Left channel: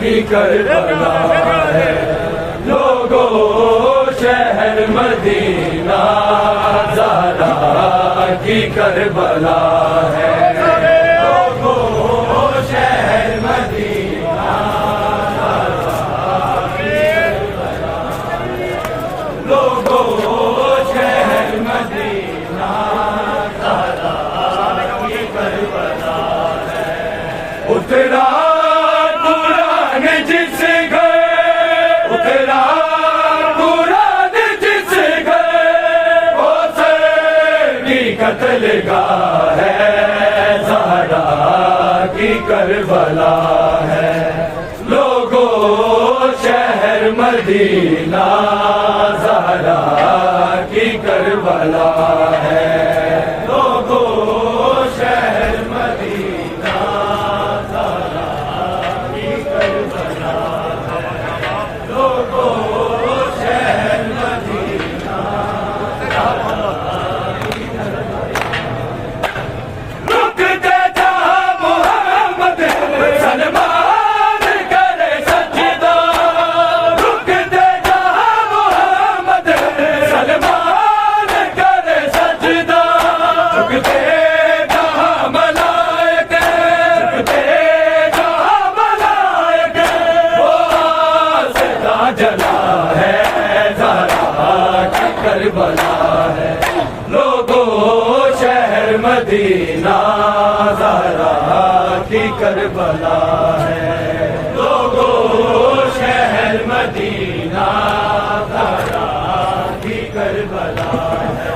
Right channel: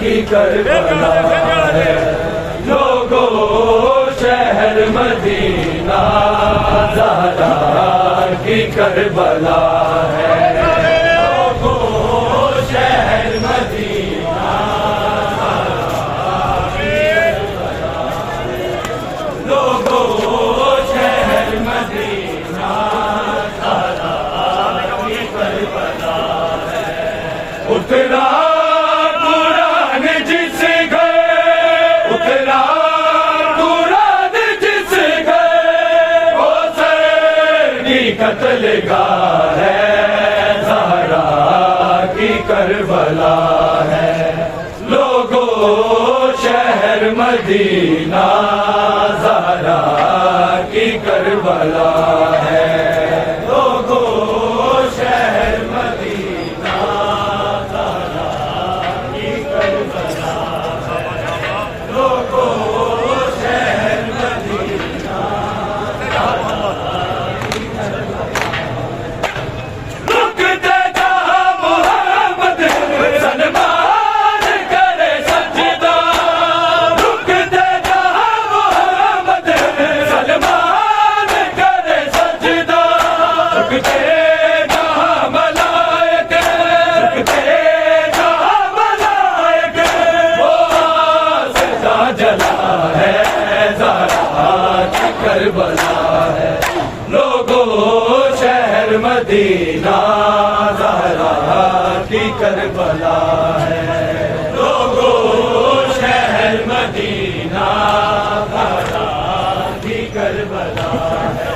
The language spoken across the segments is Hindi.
की करबला है, लोगों शहर मदीना ज़हरा की करबला है। लोगों शहर मदीना ज़हरा की करबला है, लोगों शहर मदीना ज़हरा की करबला है। उतरा कत्लगाह है, ज़हरा की करबला है। लोगों शहर मदीना ज़हरा की करबला है, लोगों शहर मदीना ज़हरा की करबला है, लोगों शहर मदीना जला है, ज़हरा की करबला है। लोगों शहर मदीना ज़हरा की करबला है, लोगों शहर मदीना ज़हरा की करबला है,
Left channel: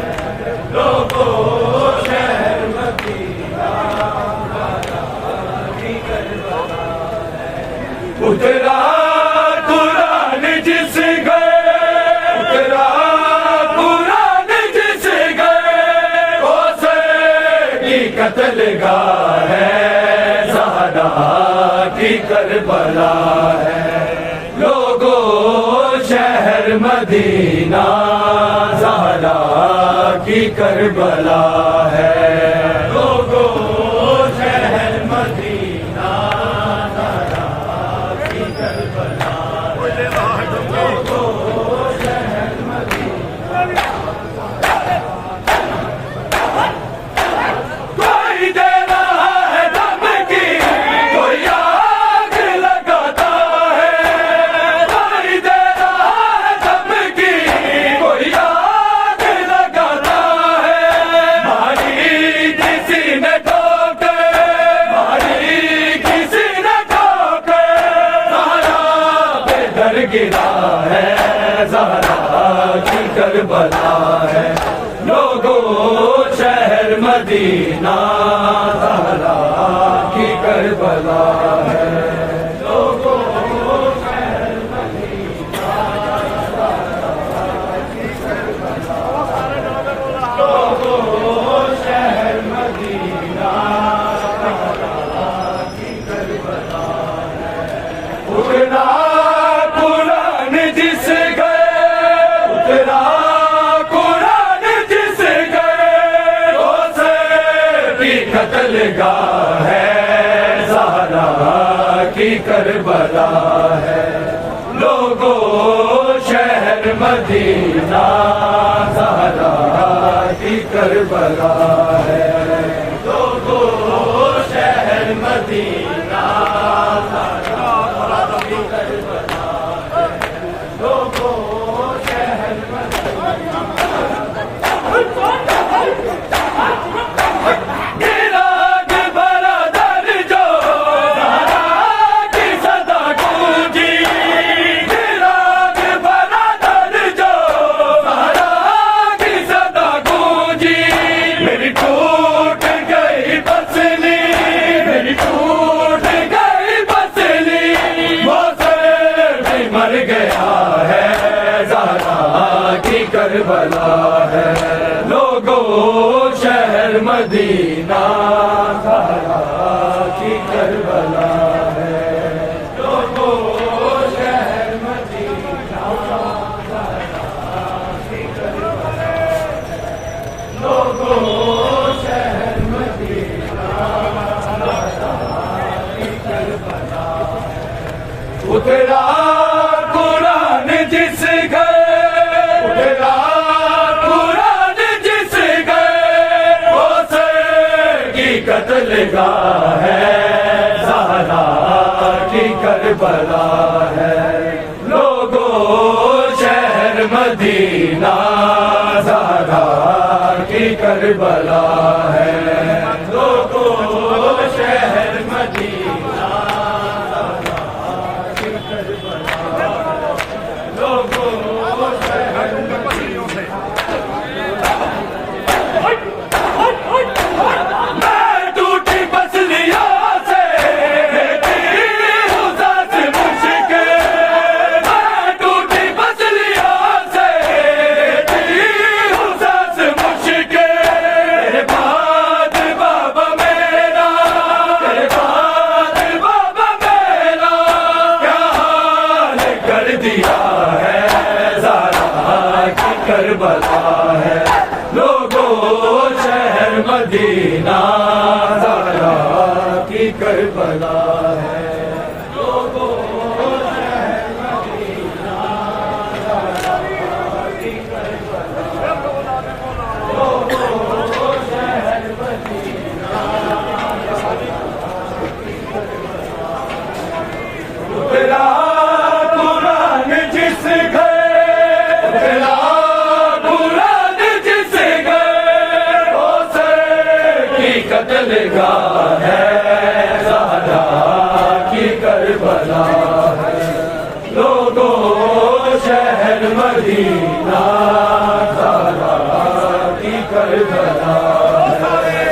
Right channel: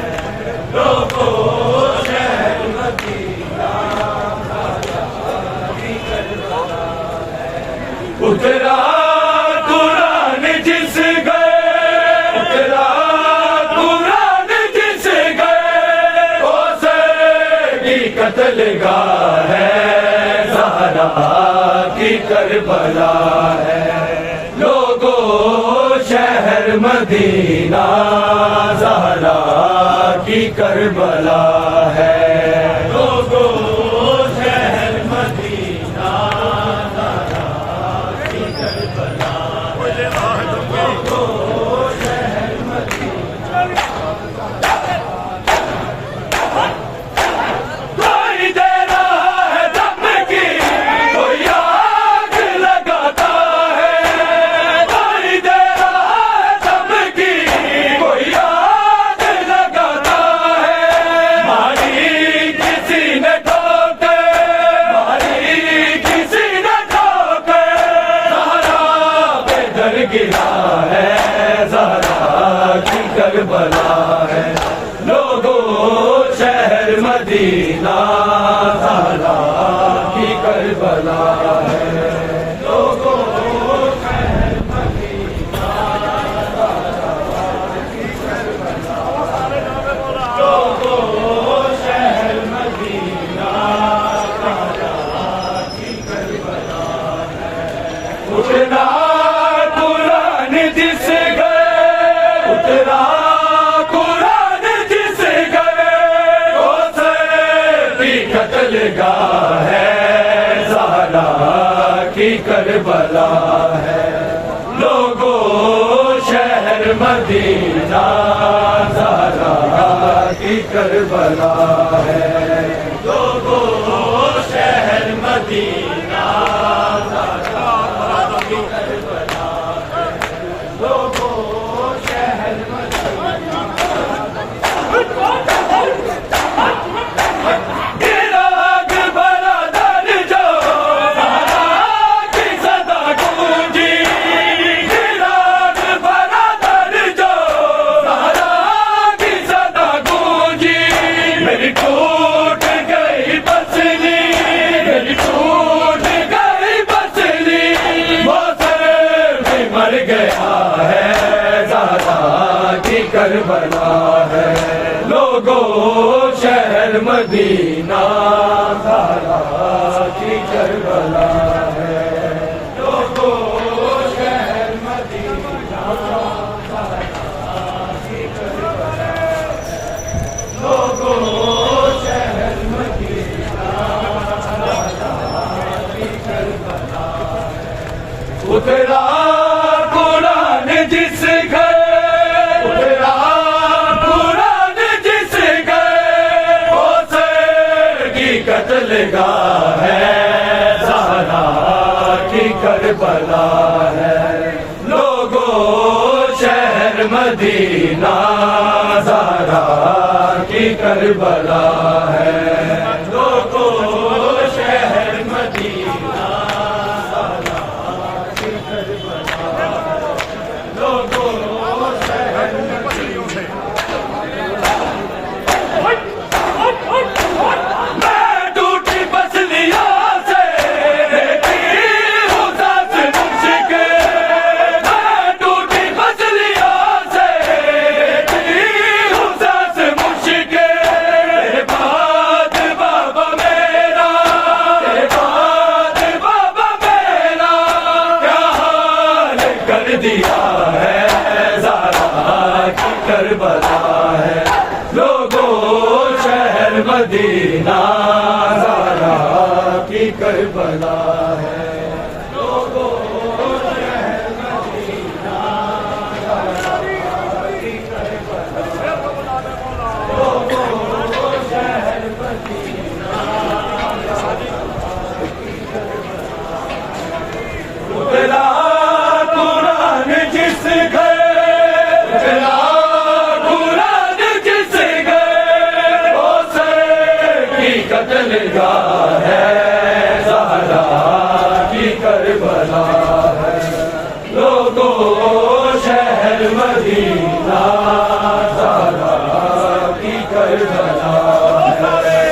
लोगों शहर मदीना ज़हरा की करबला है। उतरा कत्लगाह है, ज़हरा की करबला है। लोगों शहर मदीना ज़हरा की करबला है, लोगों शहर मदीना ज़हरा की करबला है, लोगों शहर मदीना। गिरा है, ज़हरा की करबला है। लोगों शहर मदीना ज़हरा की करबला है, लोगों शहर मदीना ज़हरा की करबला है, लोगों शहर मदीना ज़हरा की करबला है। उठना कत्लगाह है, ज़हरा की करबला है। लोगों शहर मदीना ज़हरा की करबला है, लोगों शहर मदीना ज़हरा की करबला है, लोगों शहर मदीना। मर गया है, ज़हरा की करबला है। लोगों शहर मदीना ज़हरा की करबला है, लोगों शहर मदीना ज़हरा की करबला है, लोगों शहर मदीना ज़हरा की करबला है। उतरा कुरान जिस घर, उतरा कुरान जिस घर, वो सर की कत्लगाह है, ज़हरा की करबला है। लोगों शहर मदीना ज़हरा की करबला है। लोगों शहर मदीना दिया है, ज़हरा की करबला है। लोगों शहर मदीना ज़हरा की करबला है। लोगों शहर मदीना ज़हरा की करबला, लोगों शहर मदीना उतरा जिस घर, उतरा कुरान जिस घर, वो सर की कत्लगाह है, ज़हरा की करबला है। लोगों शहर मदीना ज़हरा की करबला है।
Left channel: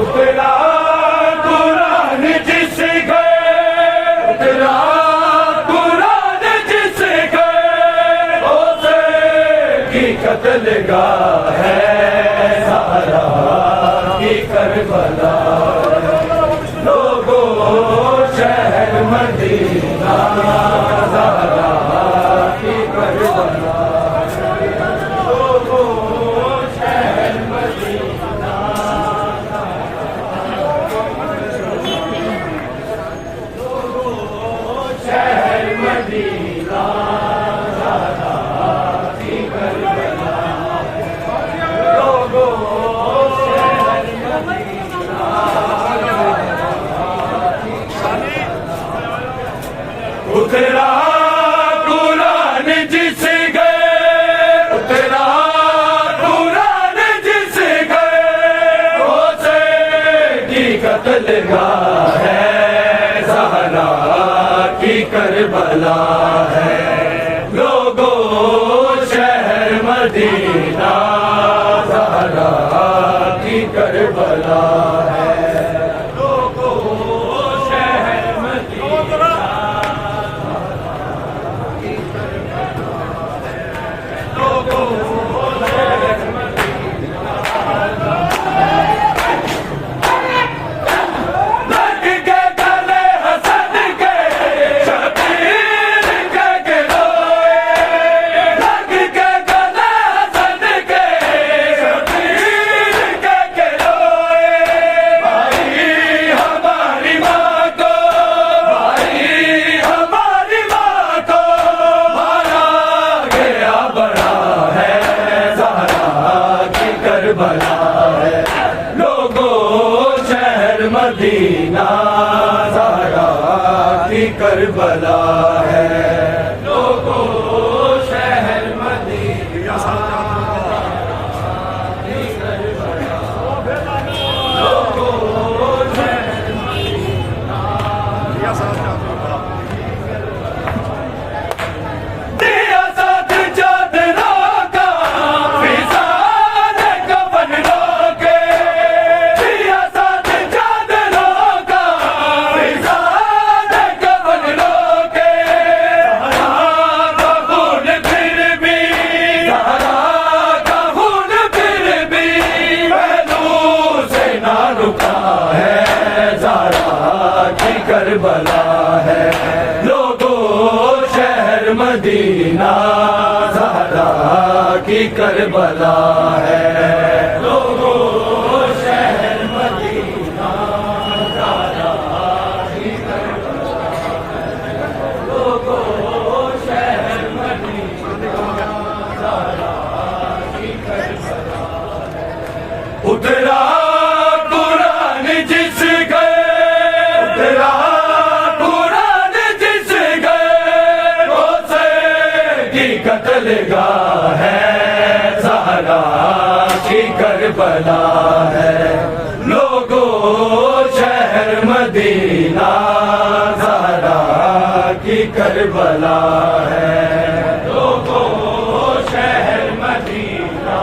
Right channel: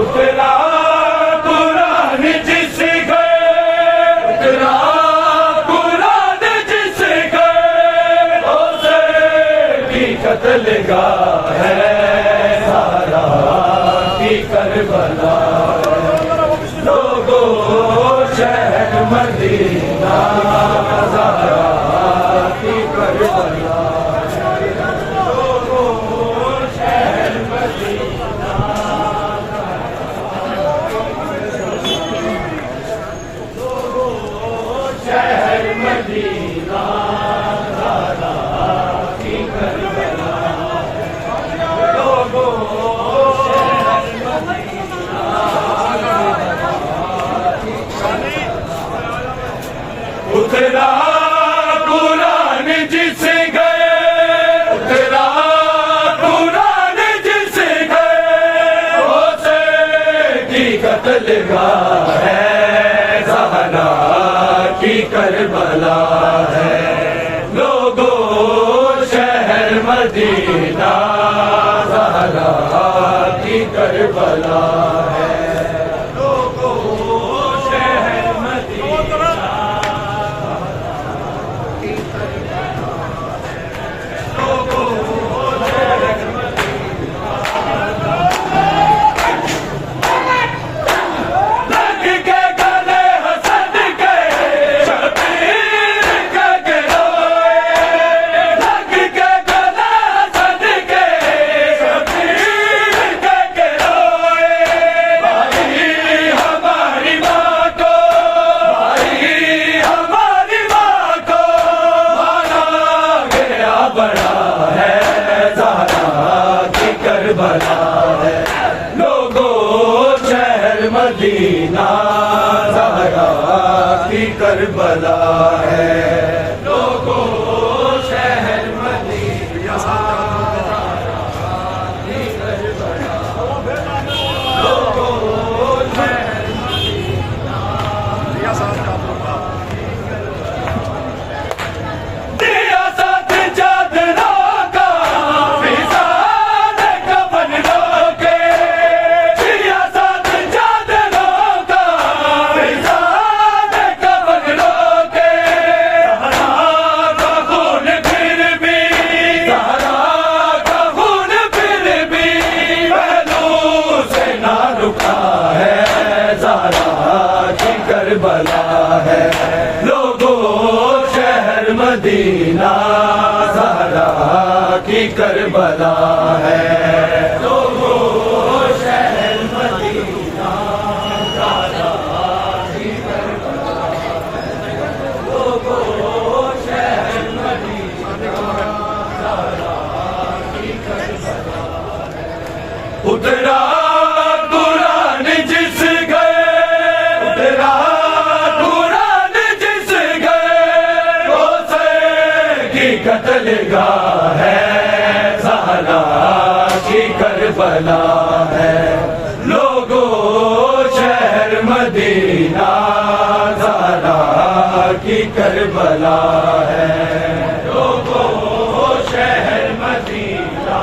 उतरा कुरान जिस घर, उतरा कुरान जिस घर, वो सर की कत्लगाह है, ज़हरा की करबला है। लोगों शहर मदीना ज़हरा की करबला है। लोगों शहर मदीना, शहर मदीना ज़हरा की करबला है। लोगों शहर मदीना उतरा कुरान जिस घर, उतरा कुरान जिस घर, वो सर की कत्लगाह है, ज़हरा की करबला है। लोगों शहर मदीना ज़हरा की करबला है। लोगों शहर मदीना की करबला है। लोगों शहर मदीना लग के गले हसन के शबीर के गिरोए, लग के गले हसन के शबीर के गिरोए। भाई हमारी माँ को, भाई हमारी माँ को मारा गया बड़ा है, ज़हरा की करबला है। लोगों शहर मदीना ज़हरा की करबला है। लोगों शहर मदीना की करबला, लोगों शहर मदीना दिया साथ चादरा का, फिजान कफन लोके, दिया साथ चादरा का, फिजान कफन लोके। ज़हरा का खून फिर भी, ज़हरा का खून फिर भी पहलू से ना रुका है, ज़हरा की करबला है। लोगों शहर मदीना ज़हरा की करबला है। लोगों शहर मदीना ज़हरा की करबला है। लोगों शहर मदीना ज़हरा की करबला है। उतरा कुरान जिस गए, उतरा कुरान जिस गए, वो से की कत्लगाह है, ज़हरा की करबला है। लोगों शहर मदीना ज़हरा की करबला है। लोगों शहर मदीना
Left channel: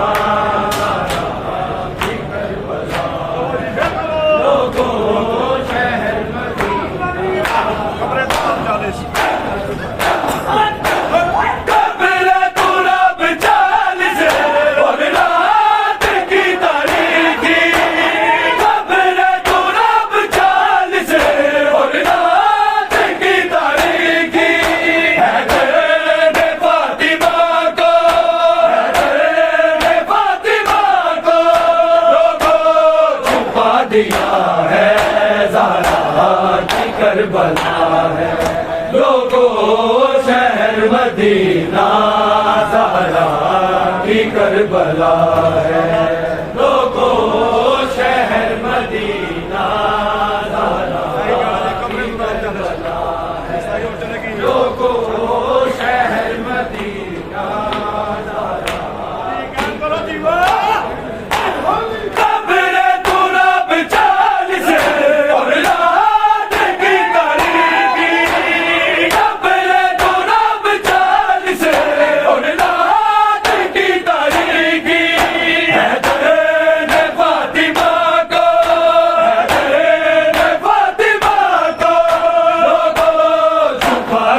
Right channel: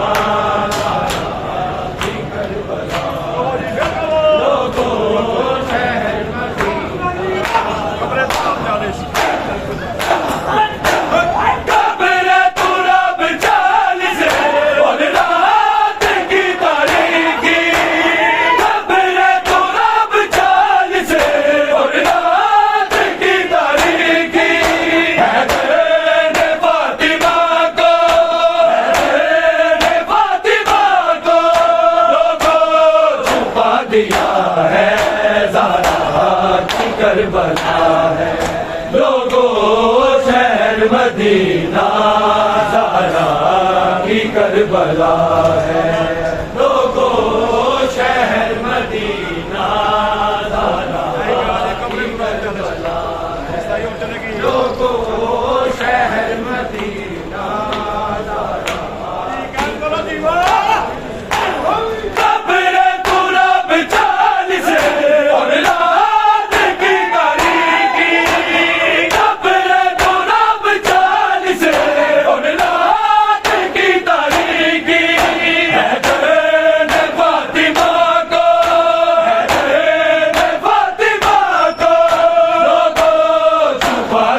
दिया है, ज़हरा की करबला है। लोगों शहर मदीना ज़हरा की करबला है। लोगों शहर मदीना ज़हरा की करबला है। लोगों शहर मदीना ज़हरा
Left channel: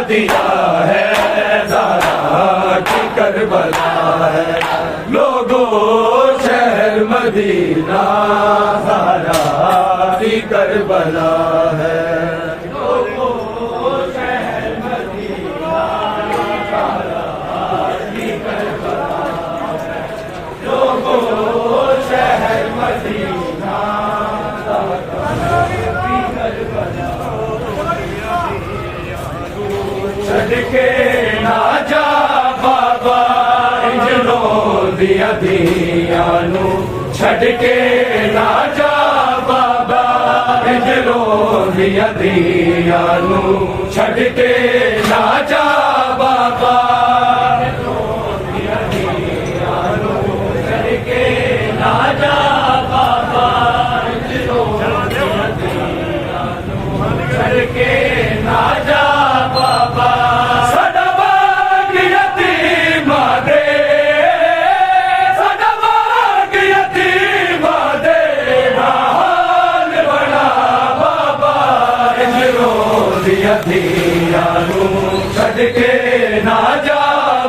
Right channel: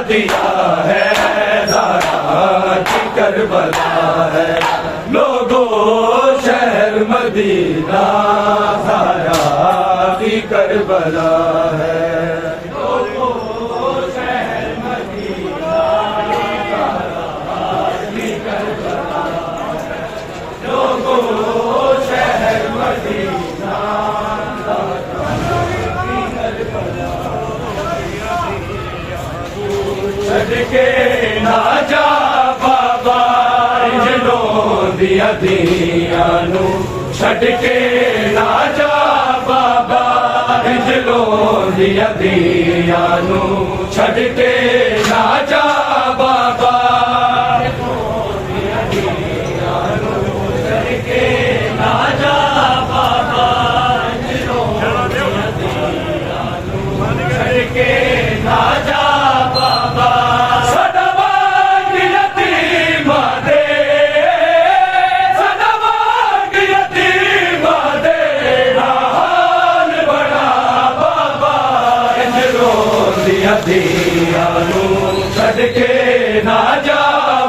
दिया है, ज़हरा की करबला है। लोगों शहर मदीना ज़हरा की करबला है। लोगों शहर मदीना ज़हरा की करबला है। लोगों शहर मदीना ज़हरा की करबला छड़ के ना जा बाबा इंजनो दिया दियानु। छड़ के ना जा बाबा इंजनो दिया दियानु। छड़ के ना जा बाबा छड़ के ना जा बाबा इंजनो दिया दियानु। छड़ के ना जा बाबा सदाबाग यतीमा दे, सदाबाग यतीमा दे हाल बना बाबा इंजरो दिया दियानु। छड़ के ना जा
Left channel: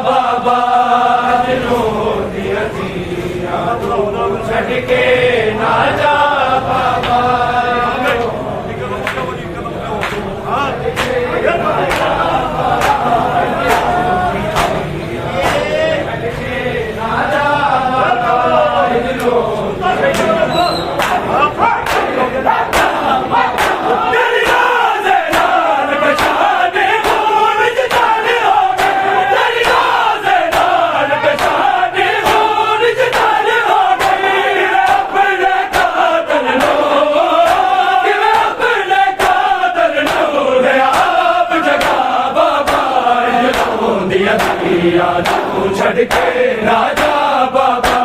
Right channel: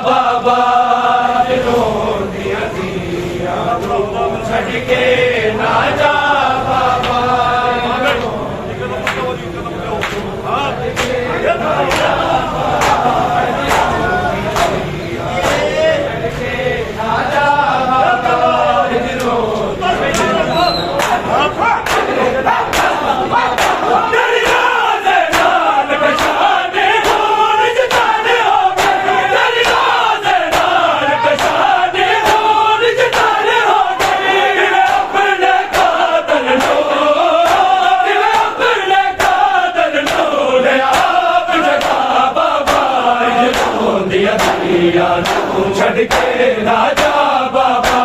बाबा इंजरो दिया दियानु। छड़ के ना जा बाबा छड़ के राजा बाबा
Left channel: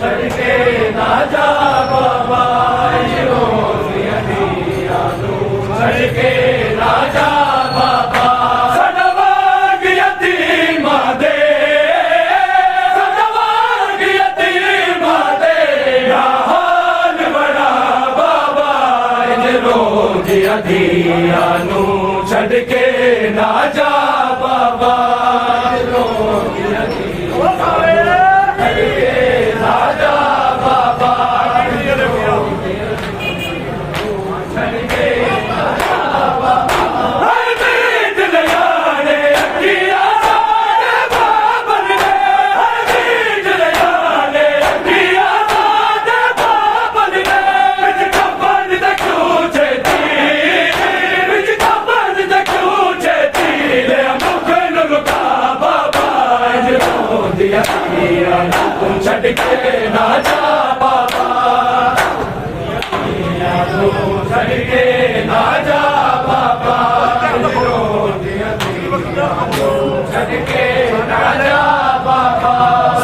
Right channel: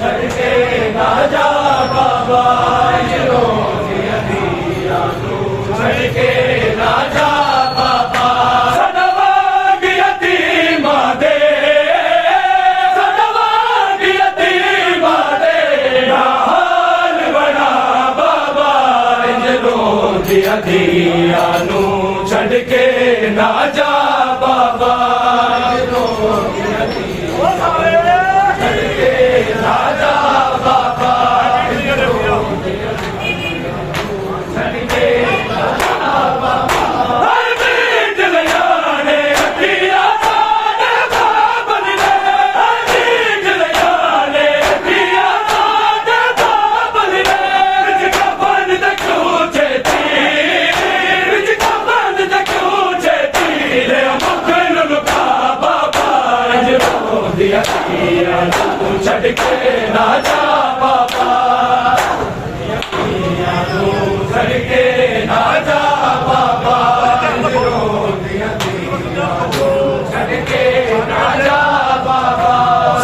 छड़ के राजा बाबा छड़ के राजा बाबा सदाबाग यतीमा दे, सदाबाग यतीमा दे हाल बना बाबा इंजरो दिया दियानु। छड़ के ना जा बाबा छड़ के ना जा बाबा छड़ के ना जा बाबा छड़ के ना जा बाबा छड़ के ना जा बाबा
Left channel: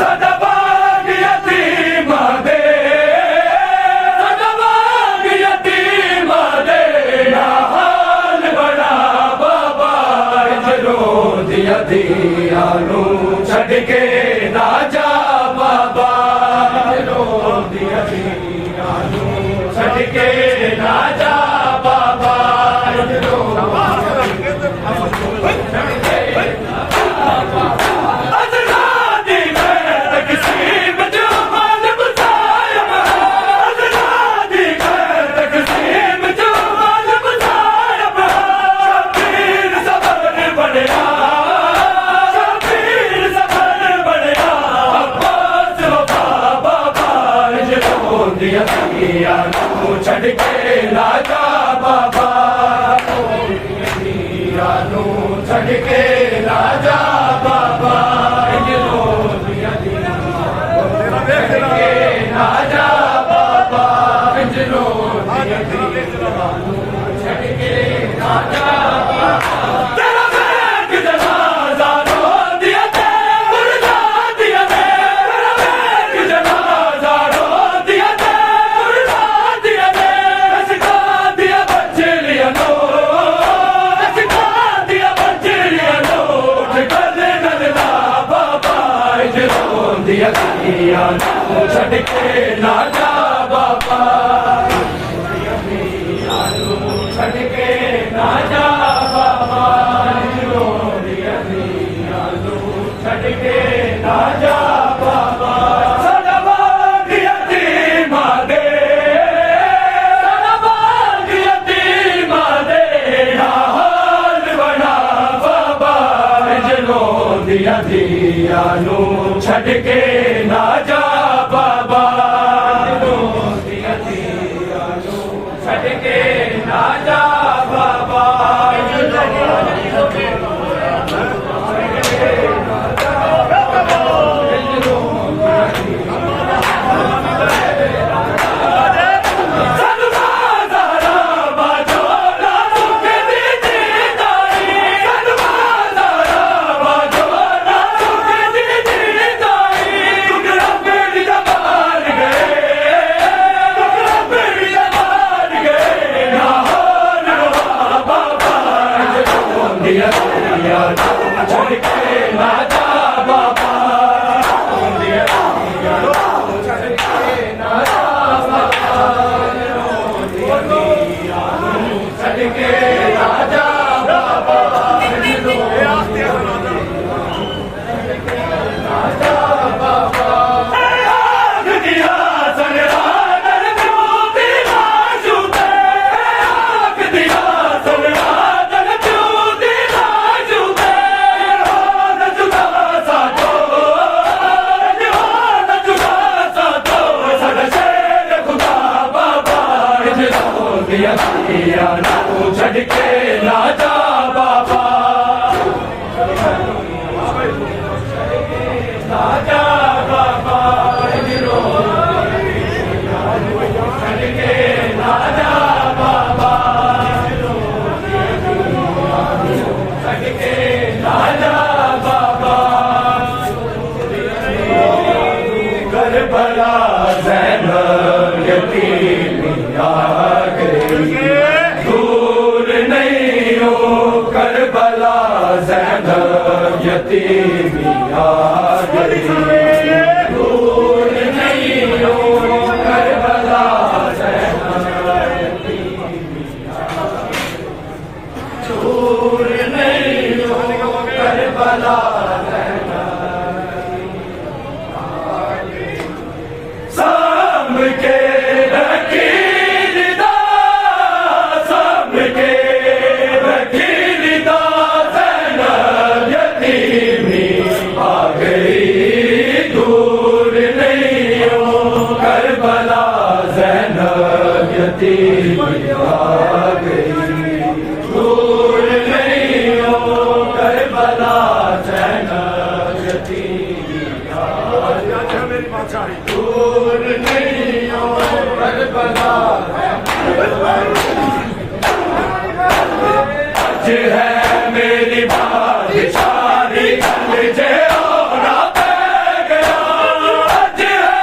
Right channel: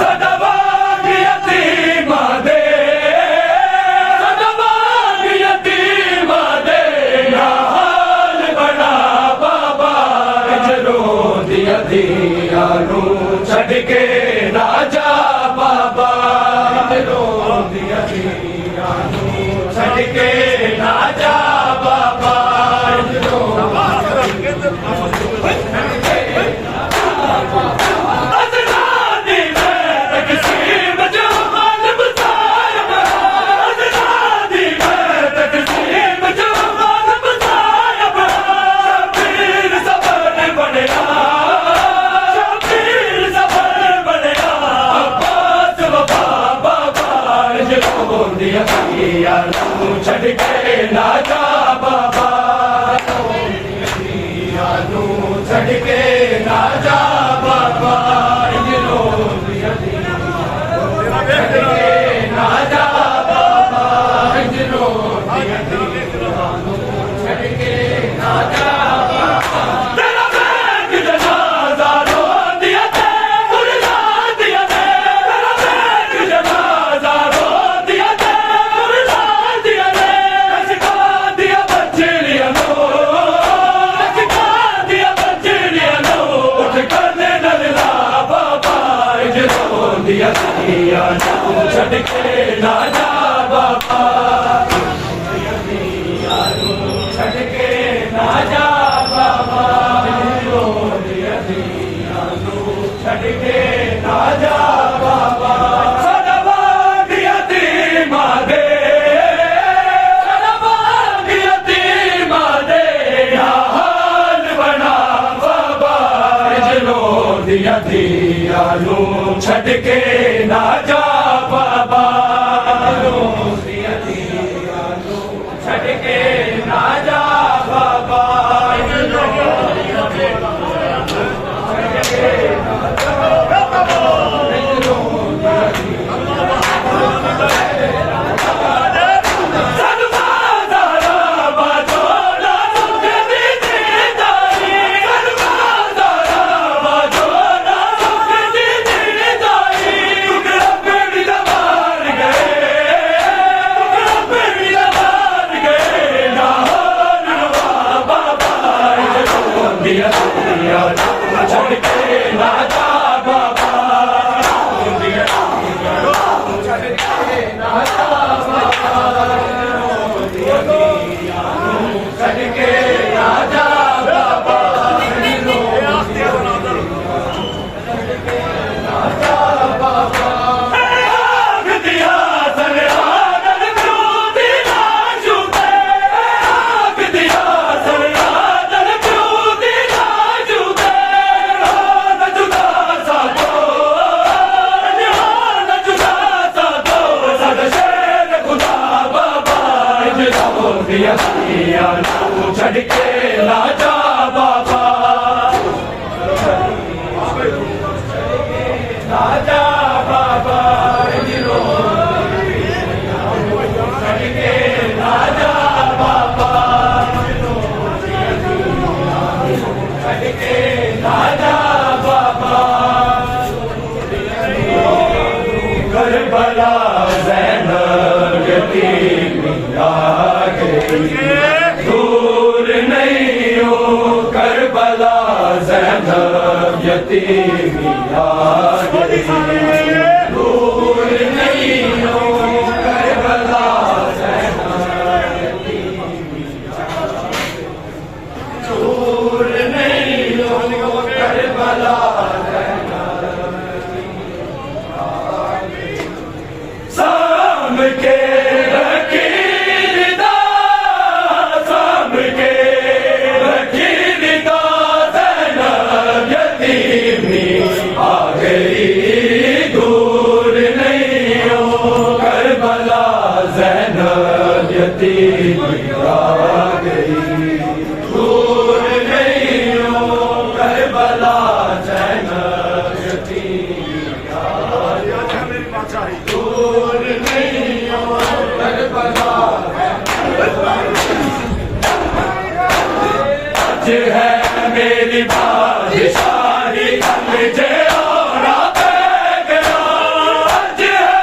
सदाबाद यतीम दे सदाबाद यतीम दे ना हाल बड़ा बाबा रोज यतीयानू छड़ के ना जा बाबा रोज यतीयानू छड़ के ना जा बाबा छड़ के ना जा बाबा छड़ के ना जा बाबा छड़ के ना जा बाबा छड़ के ना जा तेरा बैग जनाजा रो दिया ते बुला दिया ते तेरा बैग जनाजा रो दिया ते बुला दिया ते सिखा दिया बच्चियां नो सिखा दिया बच्चियां नो उठ कर नल्ला बाबा जो दिया दिया छड़ के ना जा बाबा छड़ के ना जा बाबा छड़ के ना जा बाबा सदाबाद यतीम दे सदाबाद यतीम दे ना हाल बना बाबा दिया दियानू छड़ के ना जा बाबा दिया दियानू छड़ के ना जा बाबा छड़ के ना जा बाबा छड़ के ना जा बाबा छड़ के ना जा बाबा आग दिया सनरा छड़ के ना जा बाबा ना जा बाबा छड़ के ना जा बाबा छड़ के ना जा बाबा करबला ज़ैनब यतीम आ गई दूर नहीं हो करबला ज़ैनब यतीम आ गई दूर नहीं हो करबला ज़ैनब दूर नहीं हो करबला साम के रखीलदा साम के रखीलदा ज़ैनब यतीमी आ गई दूर नहीं हो करबला ज़ैनब यतीमी आ गई दूर नहीं आज है मेरी बादशाही कलेजे ओढ़ा पै गया आज है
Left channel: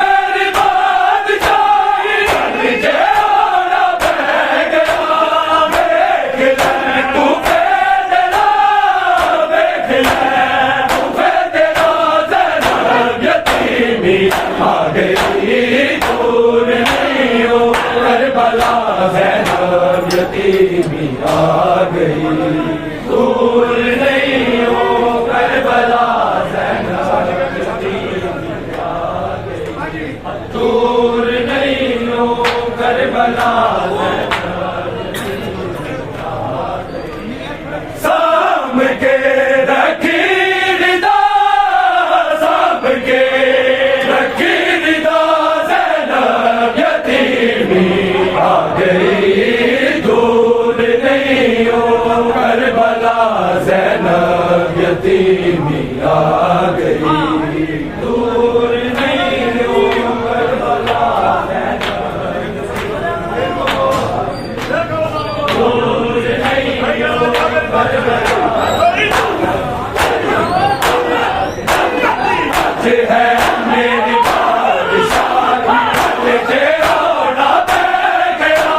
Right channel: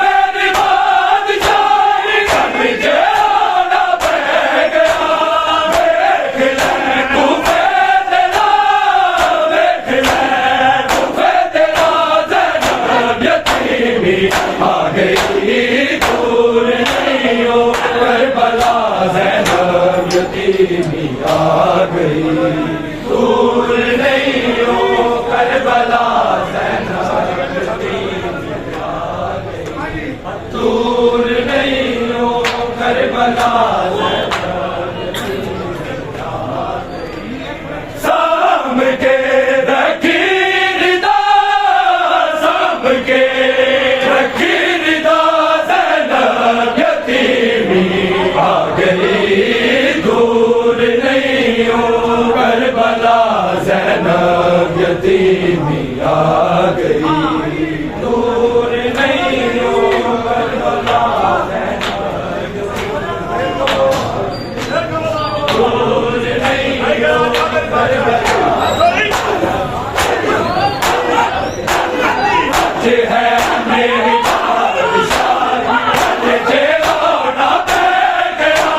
मेरी बादशाही कलेजे ओढ़ा पै गया देख ले तू तेरा देख ले तू तेरा ज़ैनब यतीमी आ गई दूर नहीं हो करबला ज़ैनब यतीमी आ गई दूर नहीं हो करबला ज़ैनब यतीमी आ गई दूर नहीं हो करबला साम के रखी रिदा साम के रखी रिदा ज़ैनब यतीमी आ गई दूर नहीं हो करबला ज़ैनब यतीमी आ गई दूर नहीं हो करबला दूर नहीं हो करबला आज है मेरी बादशाही कलेजे ओढ़ा पै गया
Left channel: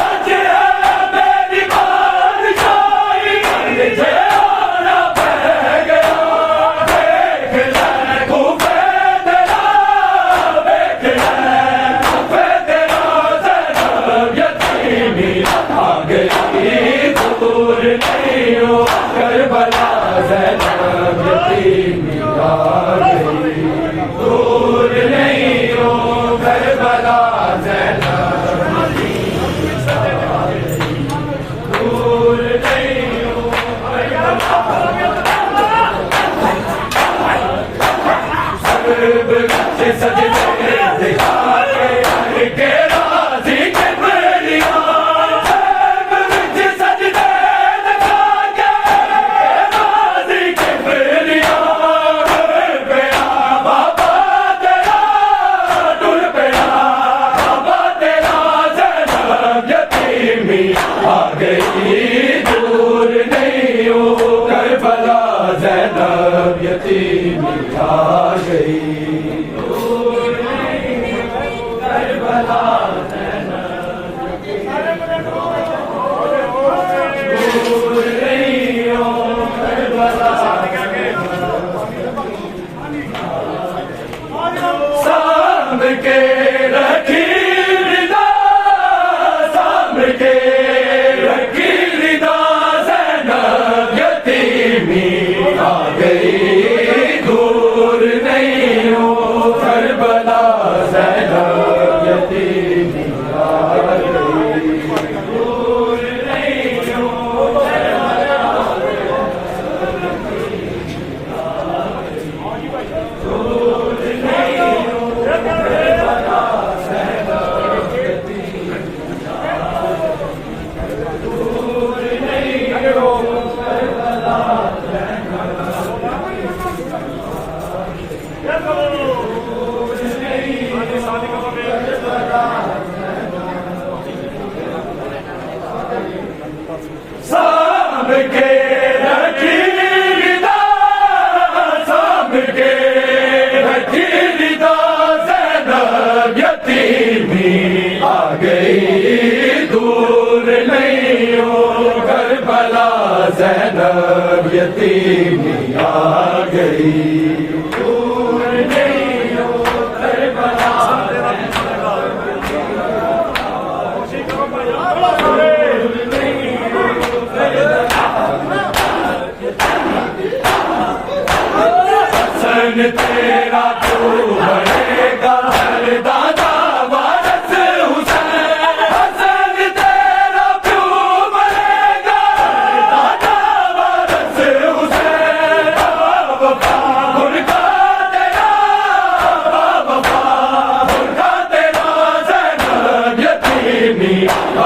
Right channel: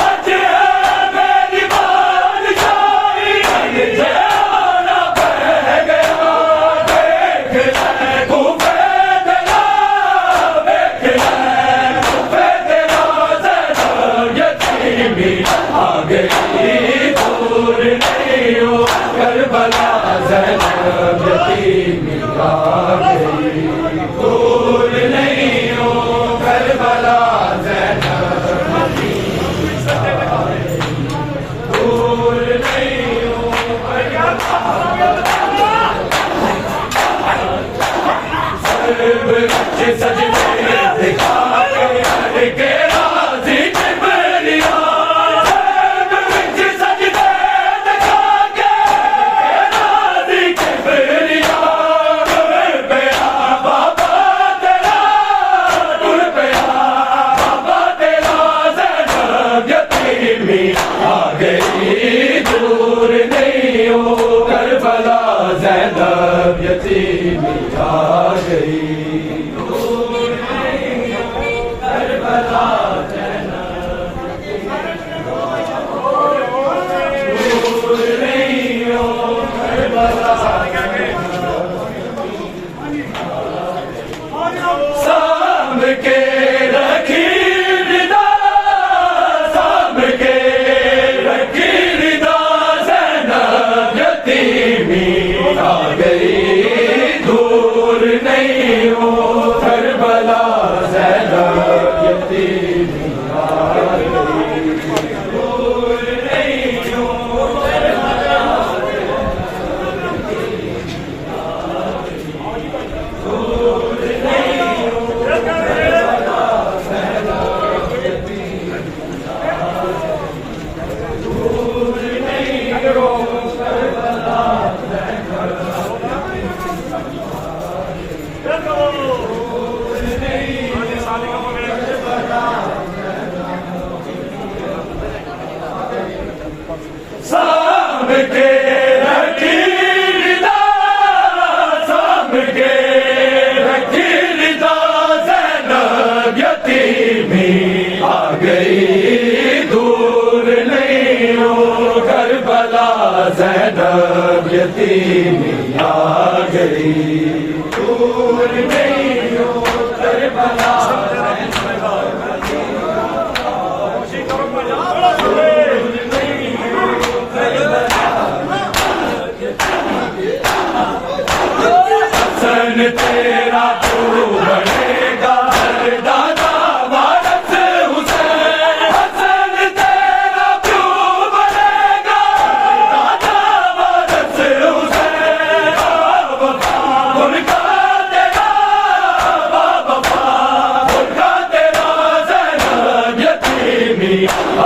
आज है मेरी बादशाही कलेजे ओढ़ा पै गया देख ले खूबे तेरा देख ले खूबे तेरा ज़ैनब यतीमी आ गई दूर नहीं हो करबला ज़ैनब यतीमी आ गई दूर नहीं हो करबला ज़ैनब दूर नहीं हो सर्ब के सजदे दिखा के हर के राज़ी किबरिया सर्ब के सजदे दिखा के राज़ी किबरिया टुर पया बाबा तेरा टुर पया बाबा तेरा ज़ैनब यतीमी आ गई दूर नहीं हो करबला ज़ैनब यतीमी आ गई दूर नहीं हो करबला दूर नहीं हो करबला साम के रखी रिदा साम के रखी रिदा ज़ैनब यतीमी आ गई दूर नहीं हो करबला ज़ैनब यतीमी आ गई दूर नहीं हो करबला दूर नहीं हो करबला ज़ैनब यतीमी दूर नहीं हो करबला साम के रखी रिदा साम के रखी रिदा ज़ैनब यतीमी आ गई दूर नहीं हो करबला ज़ैनब यतीमी आ गई दूर नहीं हो करबला हसन तेरा तू बनेगा दादा वारस हुसैन हसन तेरा तू बनेगा दादा वारस हुसैन बाबा बुरका तेरा बाबा बुरका तेरा ज़ैनब यतीमी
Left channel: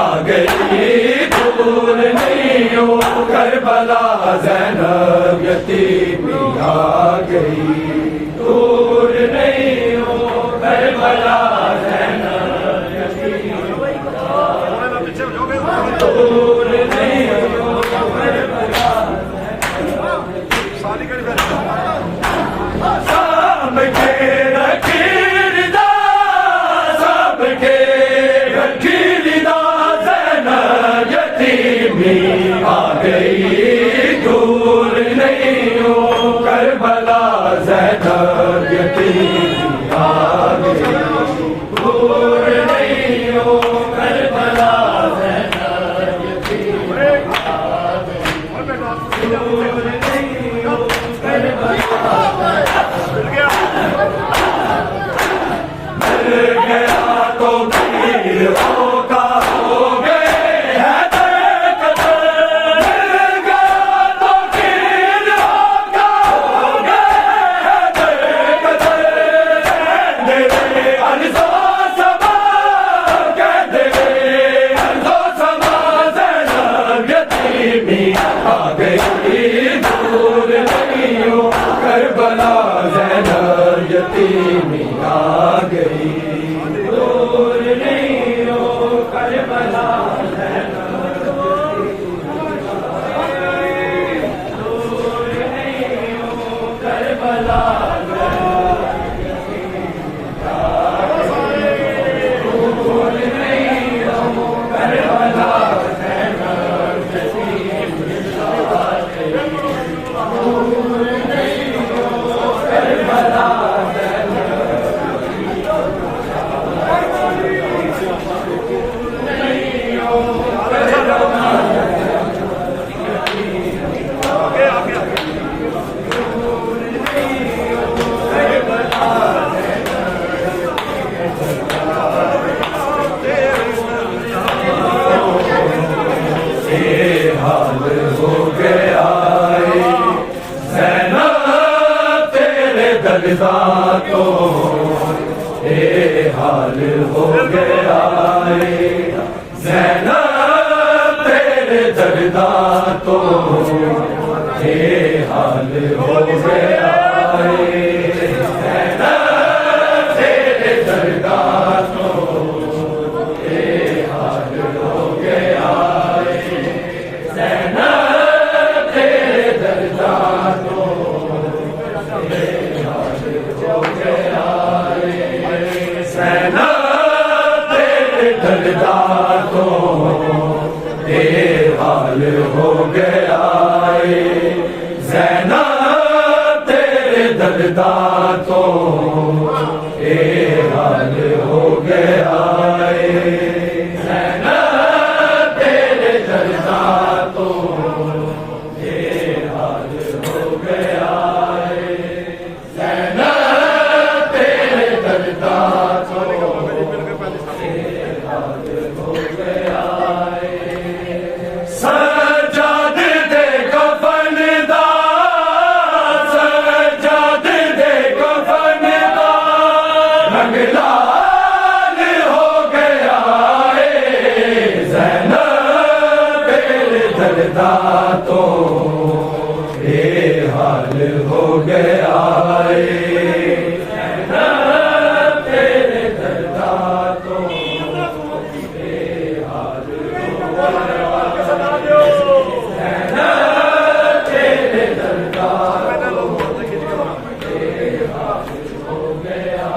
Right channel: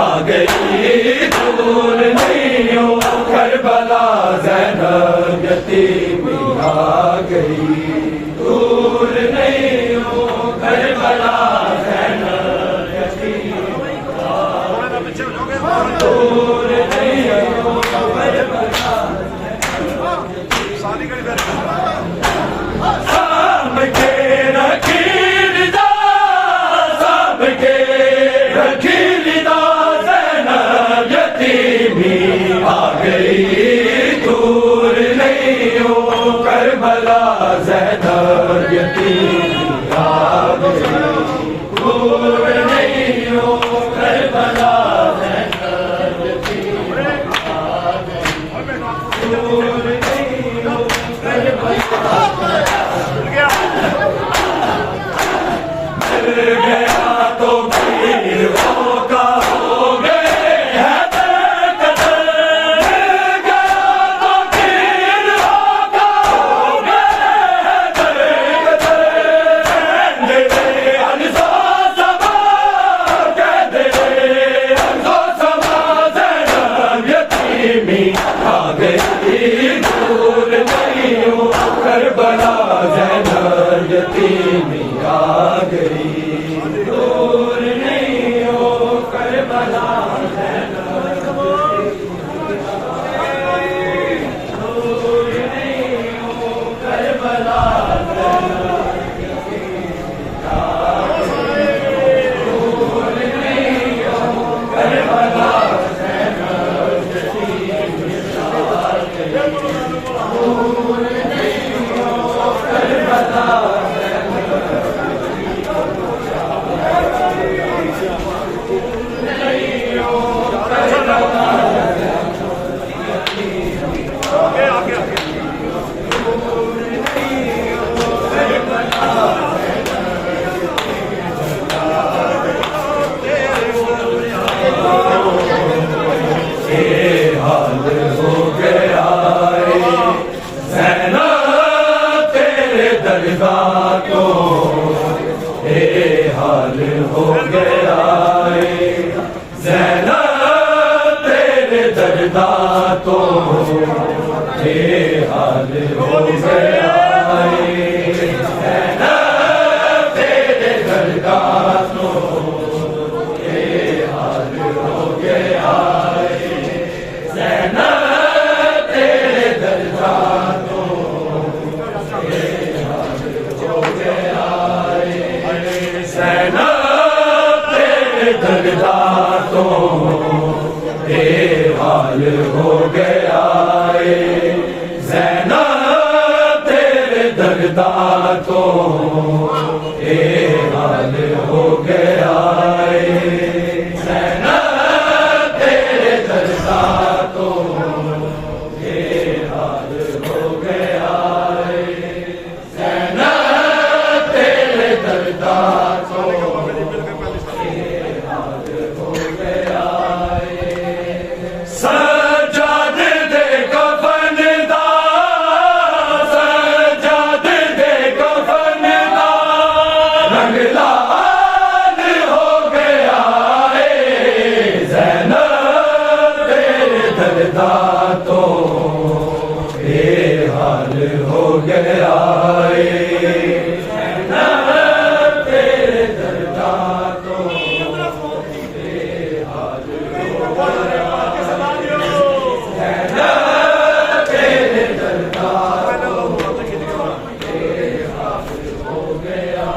आ गई दूर नहीं हो करबला ज़ैनब यतीमी आ गई दूर नहीं हो करबला ज़ैनब यतीमी दूर नहीं हो साम के रखीदा साम के रखीदा ज़ैनब यतीमी आ गई दूर नहीं हो करबला ज़ैनब यतीमी आ गई दूर नहीं हो करबला ज़ैनब यतीमी आ गई दूर नहीं हो करबला मिल गया तो पीर होगा हो गए हैं दरकदर मिल गया तो पीर होगा हो गए हैं दरकदर कहने रे अनसो समा कहने रे अनसो समा ज़ैनब यतीमी आ गई दूर नहीं हो करबला ज़ैनब यतीमी आ गई दूर नहीं हो करबला ज़ैनब दूर नहीं हो करबला दूर नहीं हो करबला हाल हो गया ज़ैनब तेरे दर्दा को हाल हो गया ज़ैनब तेरे दर्दा तो हाल हो गया ज़ैनब तेरे दर्दा तो हाल हो गया ज़ैनब तेरे दर्दा तो हो गया ज़ैनब तेरे दर्दा तो हाल हो गया ज़ैनब तेरे दर्दा तो हाल हो गया ज़ैनब तेरे दर्दा तो हाल हो गया ज़ैनब तेरे दर्दा तो सजाद दे कफन दा सजाद दे कफन दा रंग लाल हो गया ज़ैनब तेरे दर्दा तो हाल हो गया ज़ैनब तेरे दर्दा तो हाल हो गया ज़ैनब तेरे दर्दा हो गया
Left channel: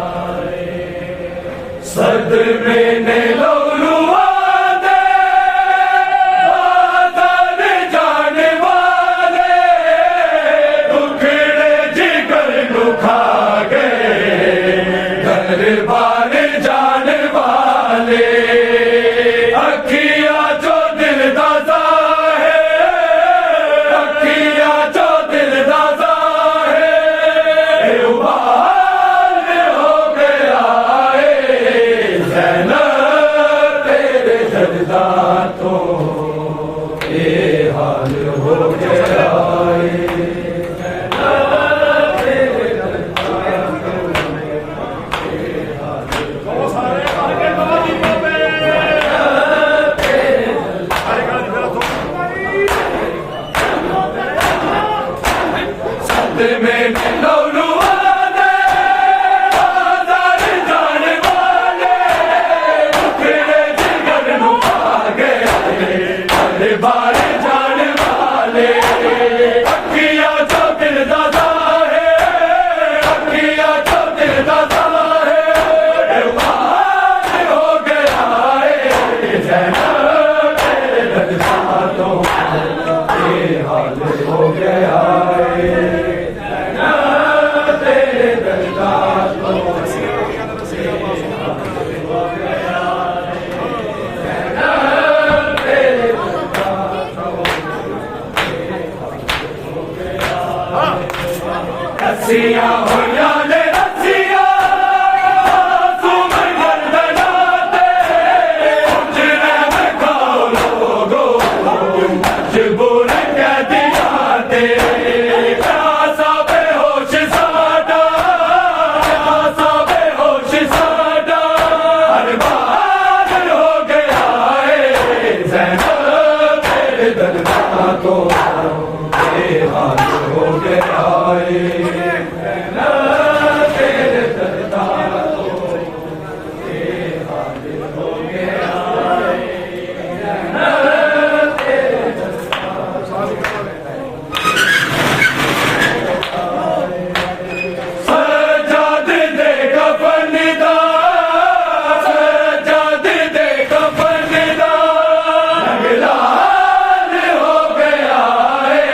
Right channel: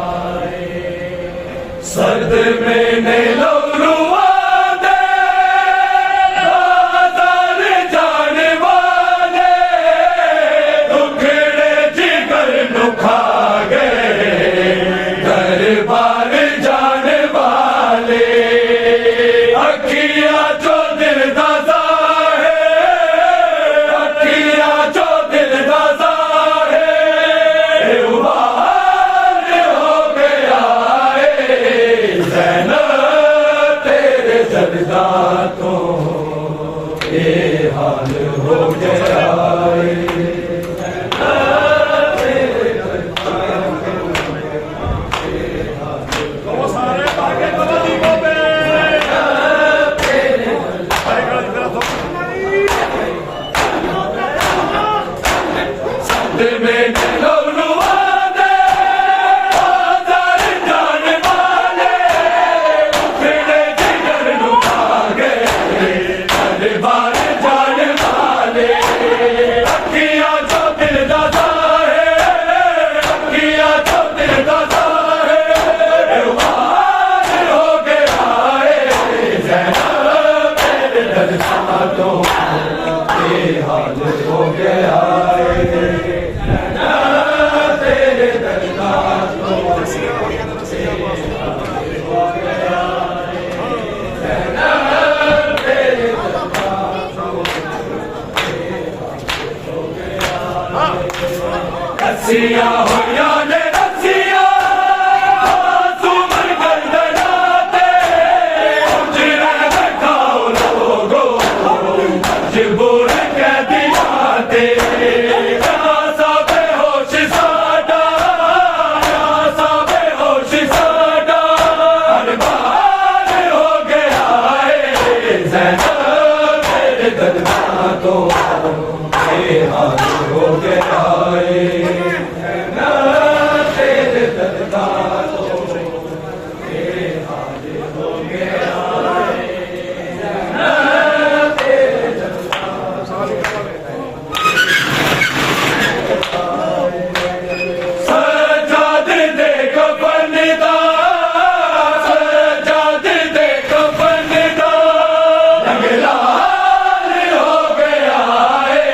सद में लौरुआ दे बादल जाने वाले दुखड़े जिगर नुखा गए दरबार जाने वाले अखियां जो दिल दादा है अखियां जो दिल दादा है उबाल हो गया ज़ैनब तेरे दर्दा तो हाल हो गया में लौरुआ दे बादल जाने वाले उखड़े जिगर नुखा गए दरबार जाने वाले अखियां जो दिल दा रस्सियां होया ने रस्सियां सुमन गर्दना ते उजरे में खाओ लोगो मजबूर कह दिया ते प्यासा बेहोश साडा प्यासा बेहोश साडा अरबान हो गया है ज़ैनब मेरे दर्दा तो बेहाल हो गया है ज़ैनब तेरे दर्दा तो बेहाल हो गया है ज़ैनब तेरे सजाद दे कफन दा सजाद दे कफन दा रंग लाल हो गया है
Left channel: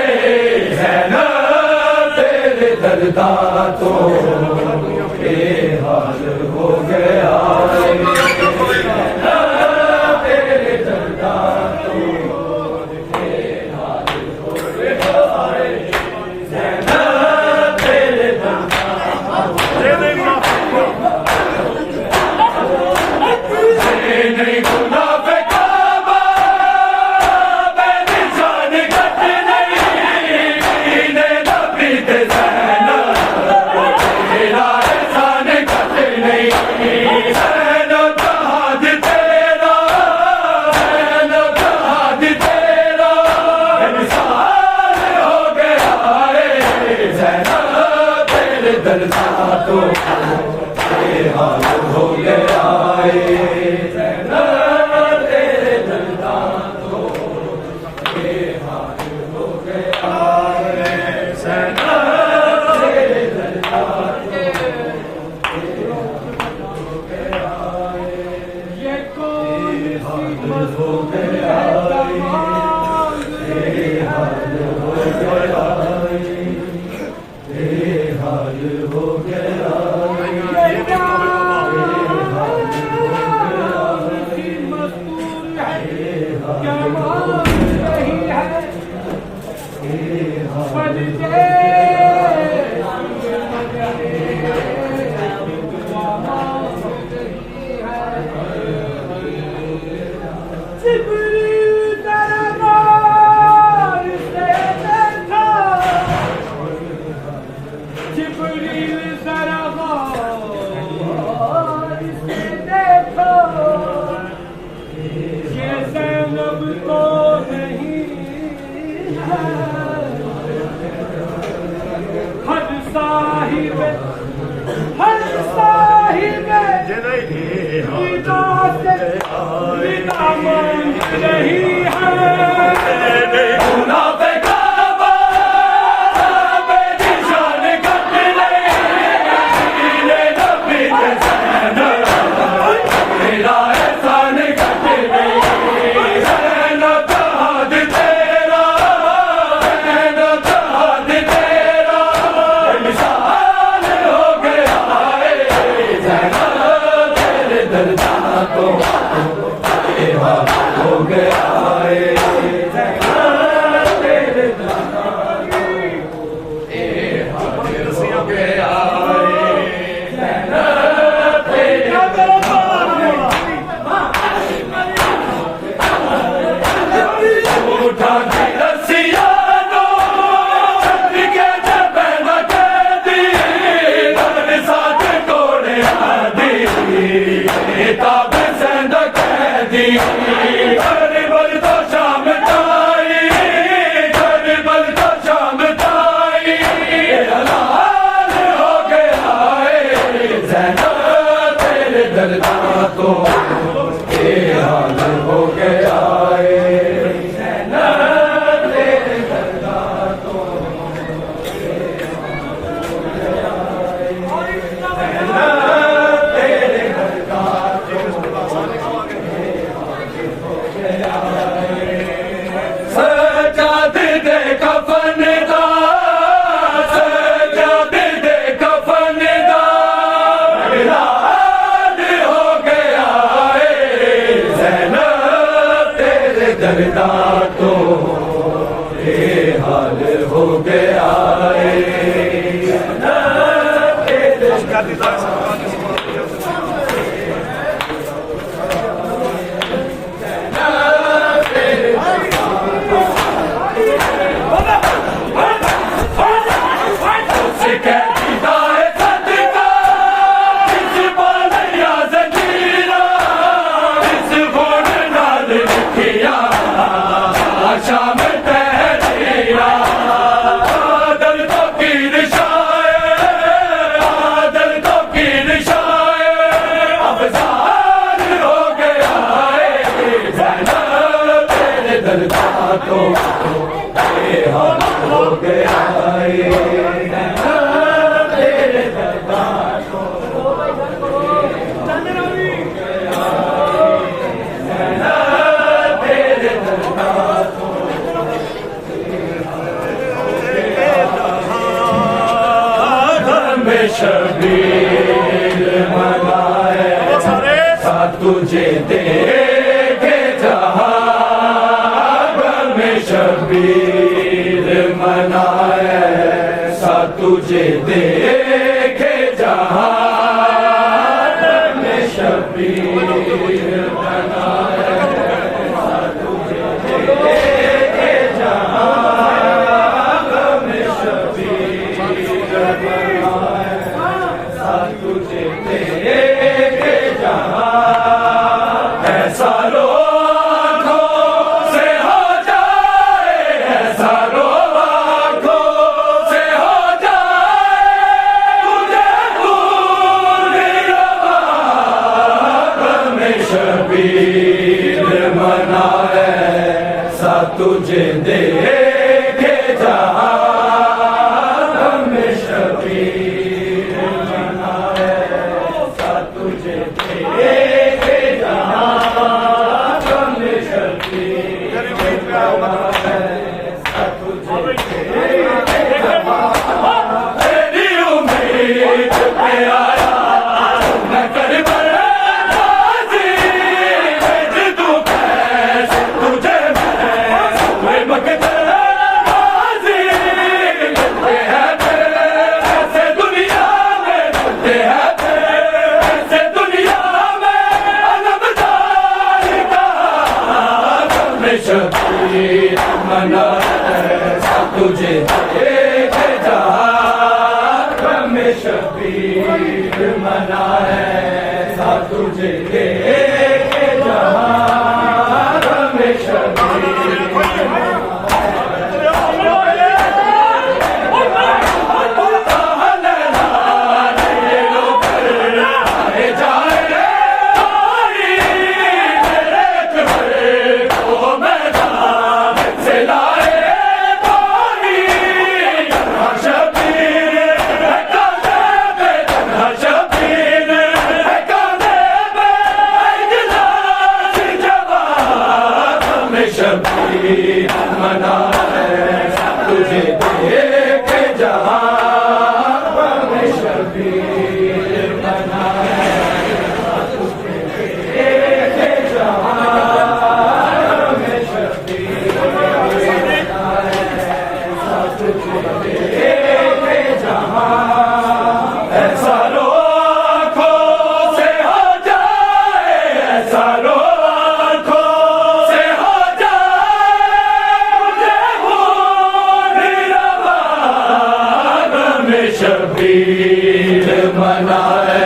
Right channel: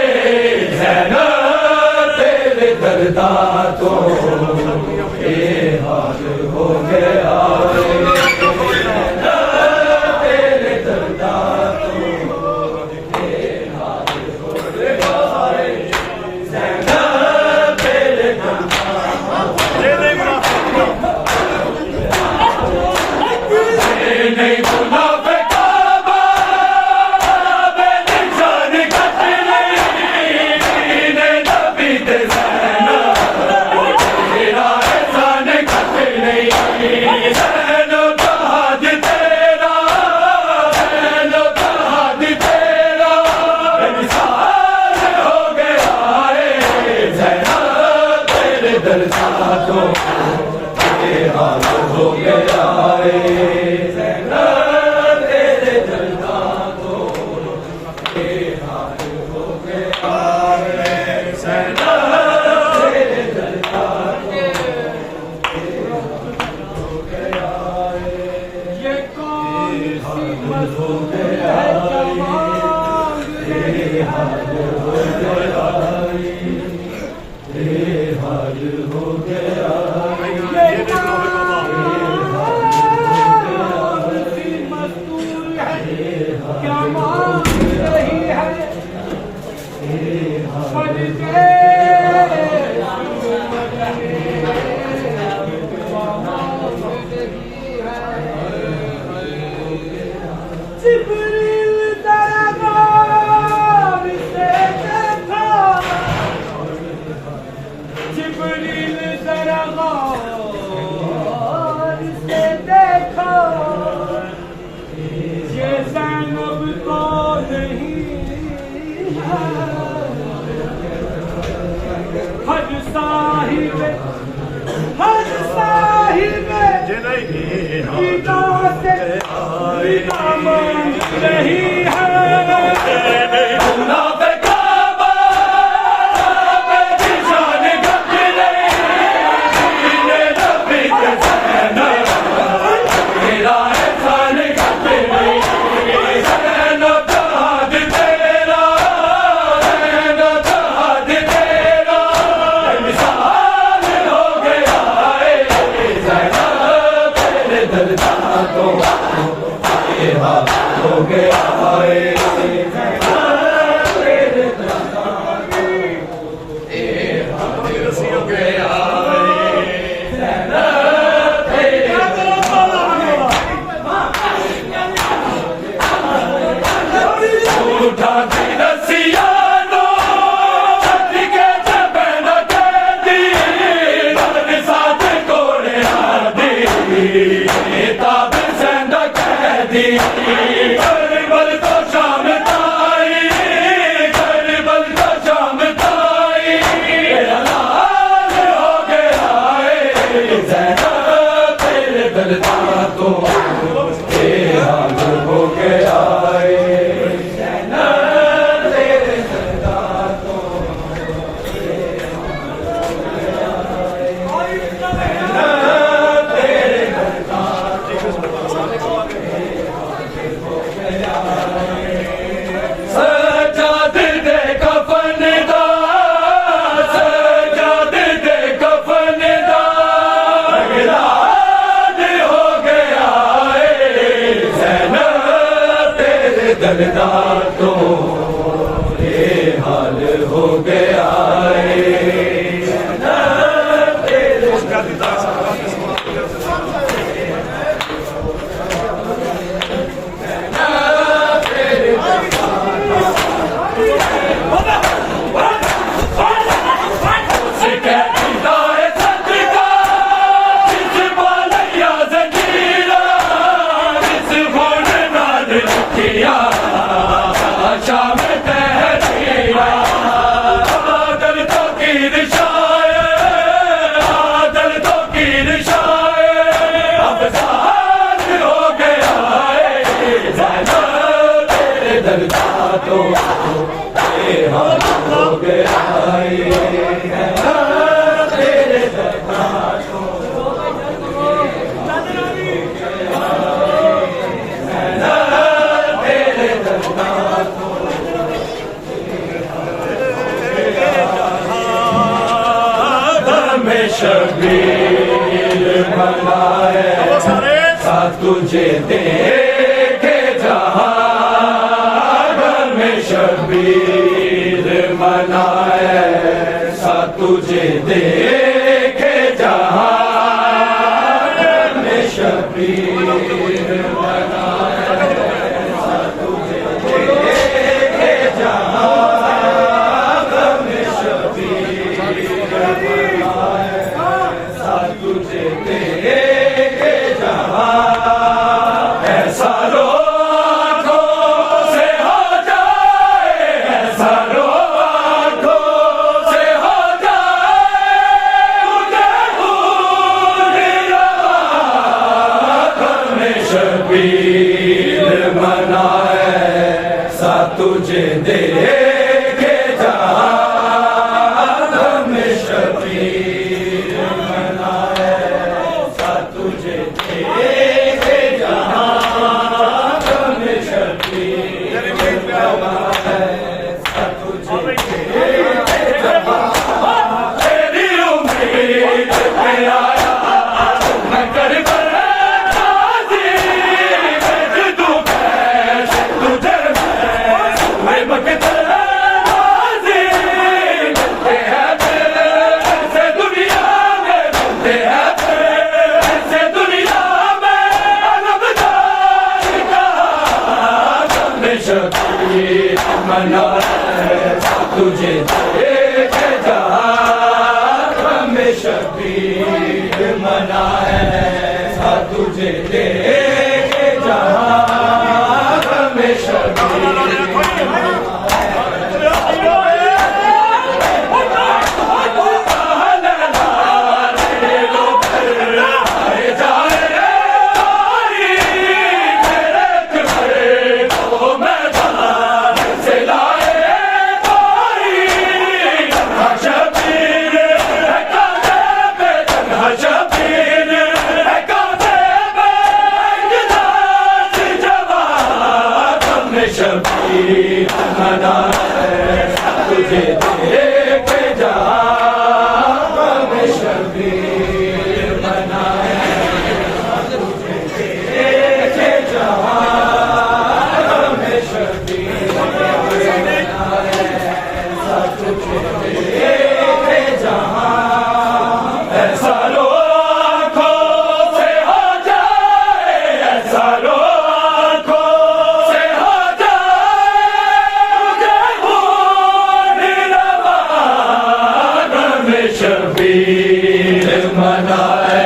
ज़ैनब तेरे दर्दा तो बेहाल हो गया है ज़ैनब तेरे दर्दा तो बेहाल हो गया है ज़ैनब तेरे दर्दा नहीं मुनाफिका बेनिशान कट नहीं कीने नबी ते ज़ैनब तेरा एहसान कट नहीं ज़ैनब जहाद तेरा ज़ैनब जहाद तेरा बेमिसाल हो गया है ज़ैनब तेरे दर्दा तो बेहाल हो गया है ज़ैनब तेरे दर्दा तो बेहाल हो गया है ज़ैनब तेरे दर्दा तो बेहाल हो गया है ये कौन बेहाल हो गया है बेहाल हो गया है बेहाल हो गया क्या मांग रही है जिब्रील दरबार से देखा जिब्रील दरबार से देखा ये ज़ैनब तो नहीं है हर साहिब विदा से विदा मांग रही है मुनाफिका बेनिशान कट नहीं कीने नबी ते ज़ैनब तेरा एहसान कट नहीं ज़ैनब जहाद तेरा ज़ैनब जहाद तेरा बेमिसाल हो गया है ज़ैनब तेरे दर्दा तो बेहाल हो गया है ज़ैनब तेरे दर्दा तो बेहाल हो गया है ज़ैनब तेरे उठा के रस्सियां नो के जबे न कैदी घर साथ कोड़े आदी ताब से न कैदी करबल तो शाम ताई करबल तो शाम ताई हलाल हो गया है ज़ैनब तेरे दर्दा तो बेहाल हो गया है ज़ैनब तेरे दर्दा तो सजाद दे कफन दा सजाद दे कफन दा लाल हो गया है ज़ैनब तेरे दर्दा तो बेहाल हो गया है तो बेहाल हो गया तेरे दरबार को तेरे दरबार को में शबीर मनाए सा तुझे देखे जहां में शबीर मनाए सा तुझे देखे जहां में शबीर मनाए सा तुझे देखे जहां में शबीर मनाए तुझे देखे जहां ऐसा आँखों से हो जाए ऐसा आँखों से हो जाए मुझे भूल में शबीर मनाए सा तुझे देखे जहां में शबीर तुझे देखे जहां में शबीर तेरी उम्मीद पे आया मैं करबला दूं कैसे तुझे मैं मकदर दुनिया में मिलते हैं शबीर मनाए तुझे देखे जहां में शबीर मनाए तुझे देखे जहां में शबीर शबीर मनाए तुझे देखे जहां में शबीर मनाए तुझे देखे जहां में शबीर मनाए तुझे देखे जहां ऐसा आँखों से हो जाए ऐसा शबीर मनाए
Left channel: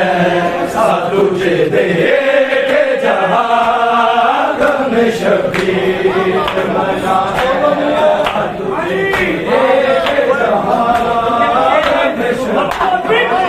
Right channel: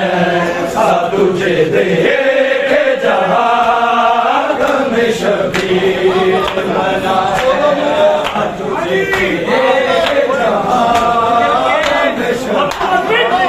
तुझे देखे जहां में शबीर मनाए तुझे देखे जहां में शबीर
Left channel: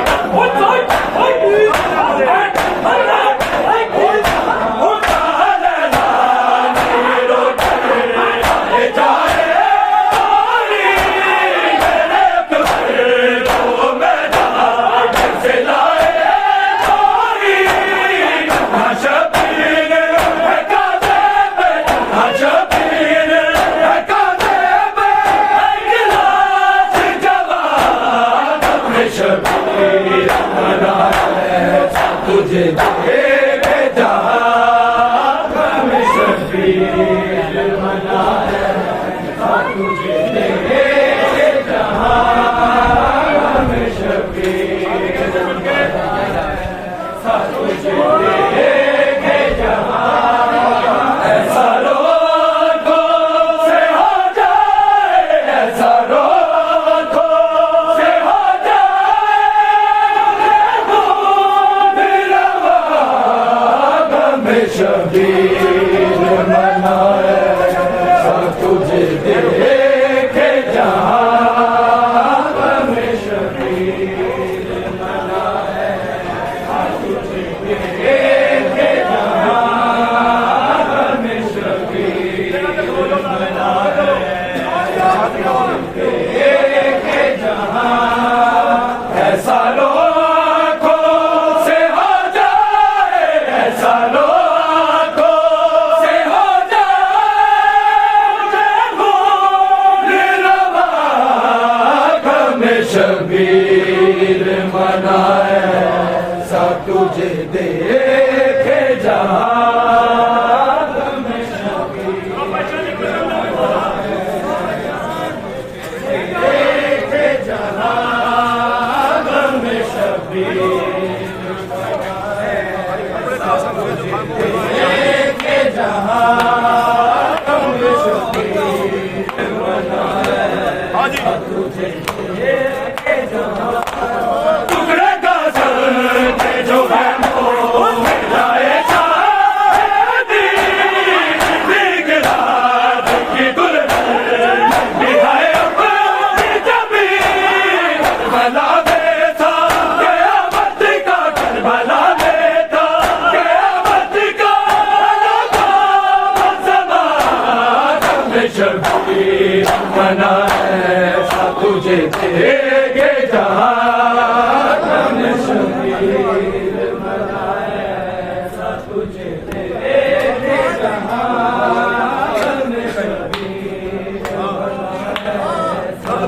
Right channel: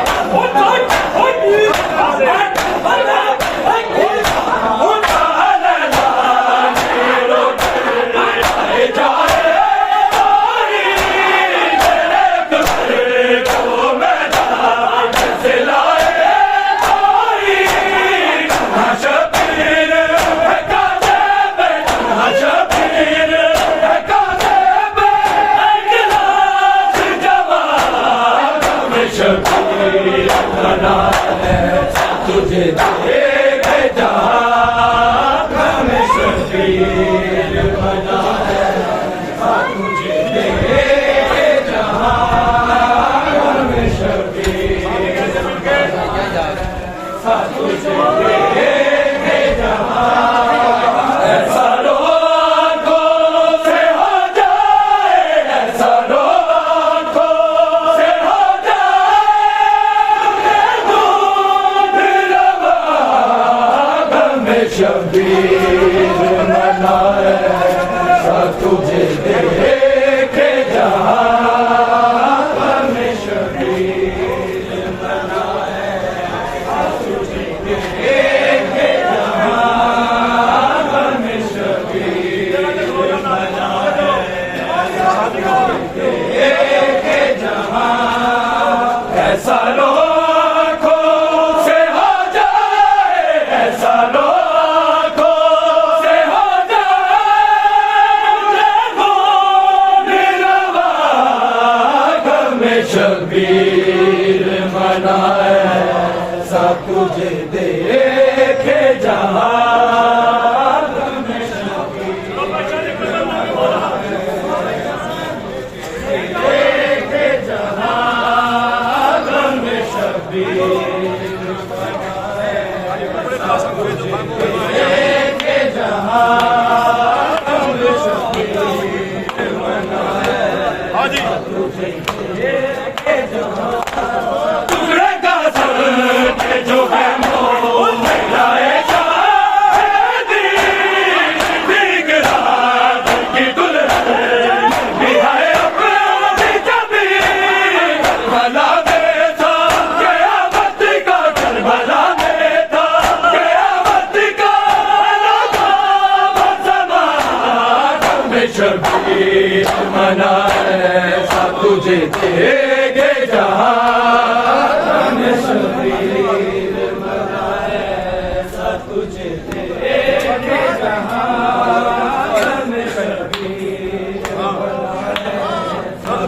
शबीर देखे जहां ऐसा लोगों से हो जाए, ऐसा लोगों से हो जाए निरवा गम शबीर मनाए सा तुझे देखे जहां टुकड़े का सर जो है मोहलाए शादी गिरा की दुल्हन निभाए अपनी जमीन भला में था कयामत का करबला में था कयामत का ज़माना में शबीर मनाए तुझे देखे जहां शबीर मनाए सा तुझे देखे जहां शबीर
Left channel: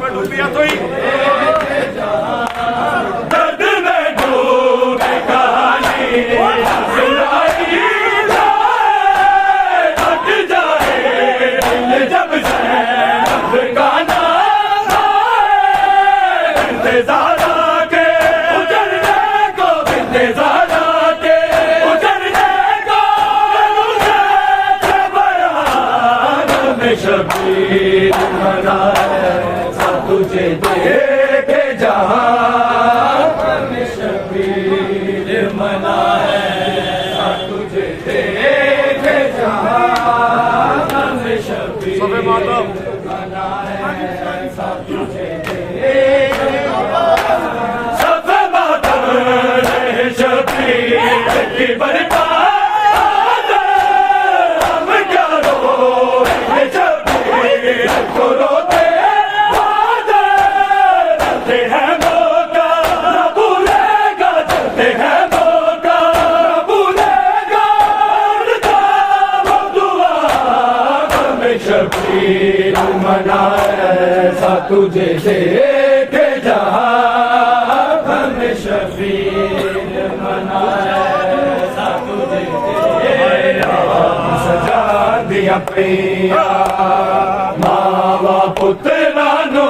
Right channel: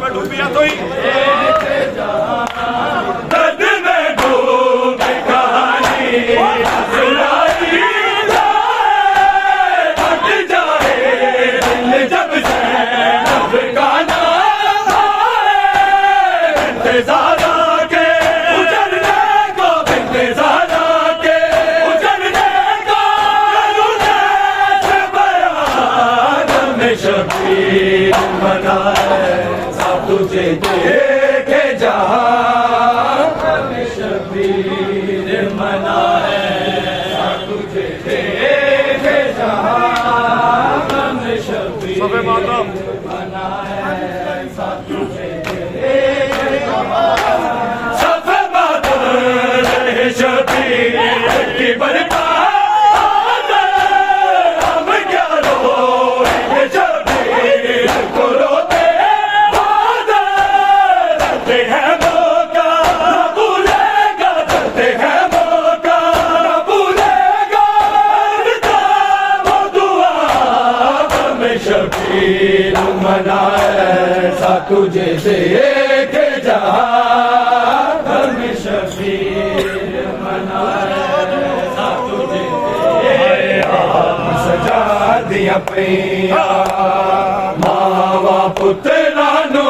में डूबिया तो ही दर्द में डूबे कहानी सुनाई जाए बच जाए दिल जब से गाना ज़ारा के उजड़ने को बिंदे ज़ारा के उजड़ने को बयान में शबीर मनाए सा तुझे देखे जहां में शबीर मनाए सा तुझे देखे जहां में शबीर मनाए सा तुझे शबीर की बरकत हम क्या रोए शबीर को रोते करते हैं मौका भूलेगा करते हैं मौका भूलेगा वो दुआ हमें शबीर मनाए सा तुझे देखे जहां शबीर सजा दिया पैया मावा पुत्रा नो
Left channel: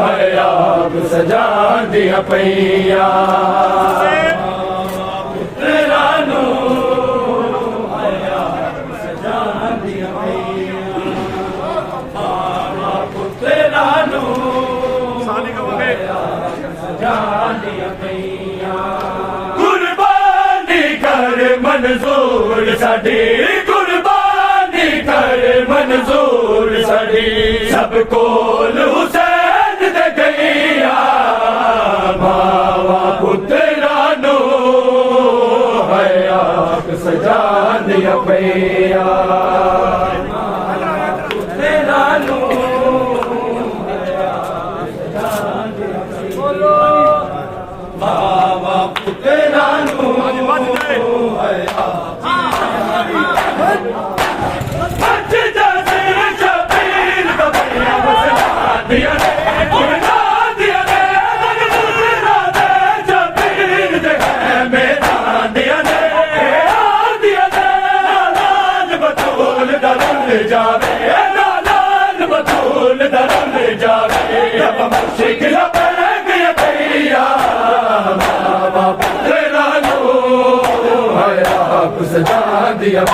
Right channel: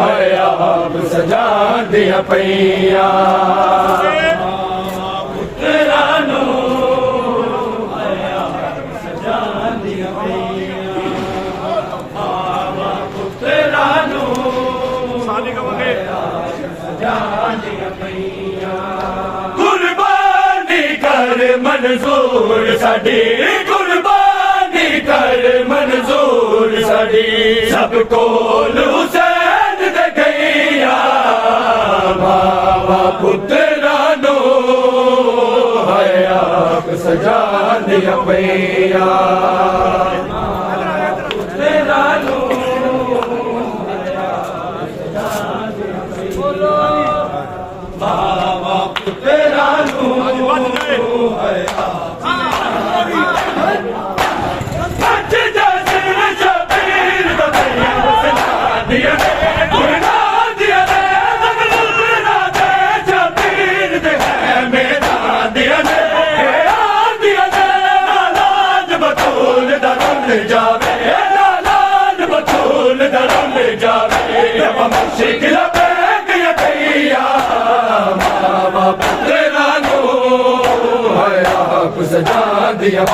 है आप सजा दिया पैया पुत्रा नो है आप सजा दिया पैया मावा पुत्रा नो साली का वगे कुर्बानी कर मंजूर साडी कुर्बानी कर मंजूर साडी सब कोल हुसैन दे गईया मावा पुत्रा नो है आप सजा दिया पैया पुत्रा नो बाबा पुत्रा नो बच जैसे शबीर तो भैया बसना दिया ने गुरगा दिया ने पुत्रा दे शबीर दे मेरा दिया ने लाल बतूल दरुल जावे लाल बतूल दरुल जावे रब मुर्शिद बाबा पुत्रा नो है आप सजा दिया